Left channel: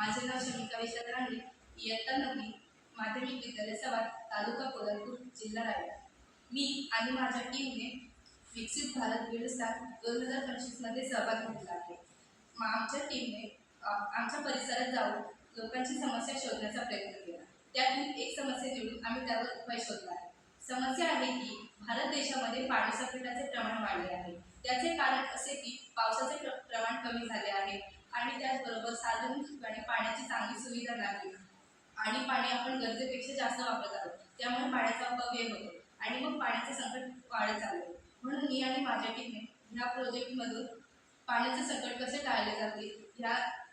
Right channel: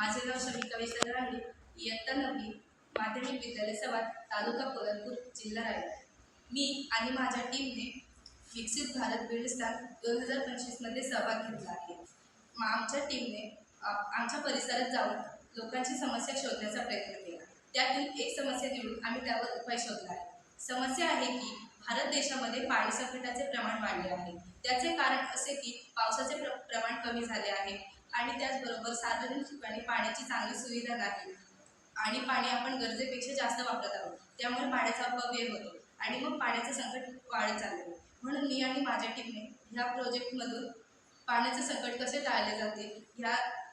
माझे नाव शमिका विशाल रांगडे, इयत्ता 9वी, माध्यमिक विद्यालय सवार, तालुका कोल्हापूर, जिल्हा रायगड. मी आणि माझ्या टीमने विकसित भारत बिल्ड स्टार 2025मध्ये सहभाग घेतला आहे. आमच्या टीमने आमच्या परिसरात जाऊन लोकांची समस्या शोधण्याचा प्रयत्न केला. त्यातून एक समस्या निवडून आम्ही त्यावर उपाय शोधला आहे. समस्या आहे की भारत देशामध्ये पाणी संकटाचे प्रमाण वाढले आहे. त्याचे कारण असे की पावसाचे प्रमाण कमी झाले आहे आणि त्याचबरोबर सार्वजनिक ठिकाणी पाण्याची चांगली सुविधा नाही आणि पाणी आपण गरजेपेक्षा जास्त वापरत आहोत. त्यामुळे पाण्याचा अपव्यय होतो आणि मग पाण्याचे संकट वाढत चालले आहे. म्हणून मी आणि माझ्या टीमने ह्या प्रोजेक्टमधून पाण्याचे संकट कसे टाळले जातील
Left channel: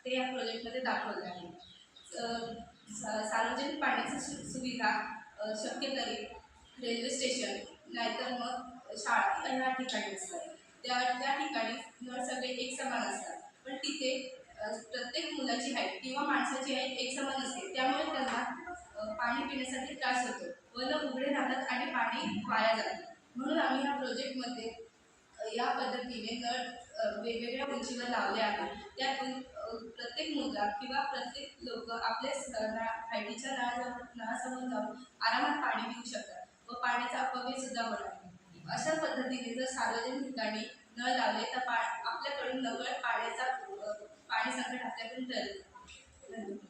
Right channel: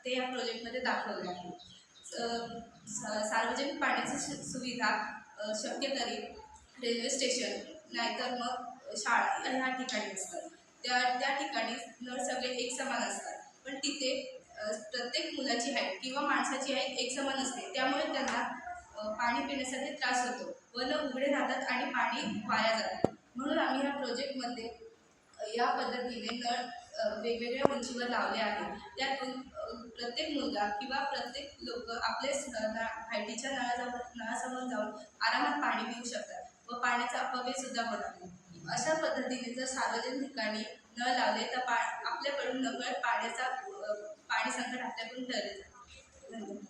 ते या प्रोजेक्टमध्ये दाखवले आहे. सार्वजनिक पाण्याची सुविधा शक्य तरी रेल्वे स्टेशन नाहीतर मग शाळा ह्या ठिकाणी असतात. त्या ठिकाणी नळ सगळे एक समान असतात, पण तिथे प्रत्येक मुलाची हाईट किंवा माणसाची हाईट एक समान असते. त्यामुळे त्यांना पाणी पिण्यासाठी त्रास होतो व नळ उघडे राहतात आणि पाणी वाया जाते. म्हणून आम्ही ह्या प्रोजेक्टमध्ये या पद्धतीने नळ वेगवेगळ्या उंचीवर लावले आहे. त्यातून प्रत्येक मुलगा किंवा प्रत्येक लोक आपल्या हायटीच्या नळासमोर जाऊन आरामात पाणी पिऊ शकतात व पाण्याचा अपव्यय सुद्धा होणार नाही. अशा पद्धतीने जर सार्वजनिक ठिकाणी नळ लावले तर आपल्याकडून नकळत पाणी संकट आपल्याकडून टळले जाईल. धन्यवाद.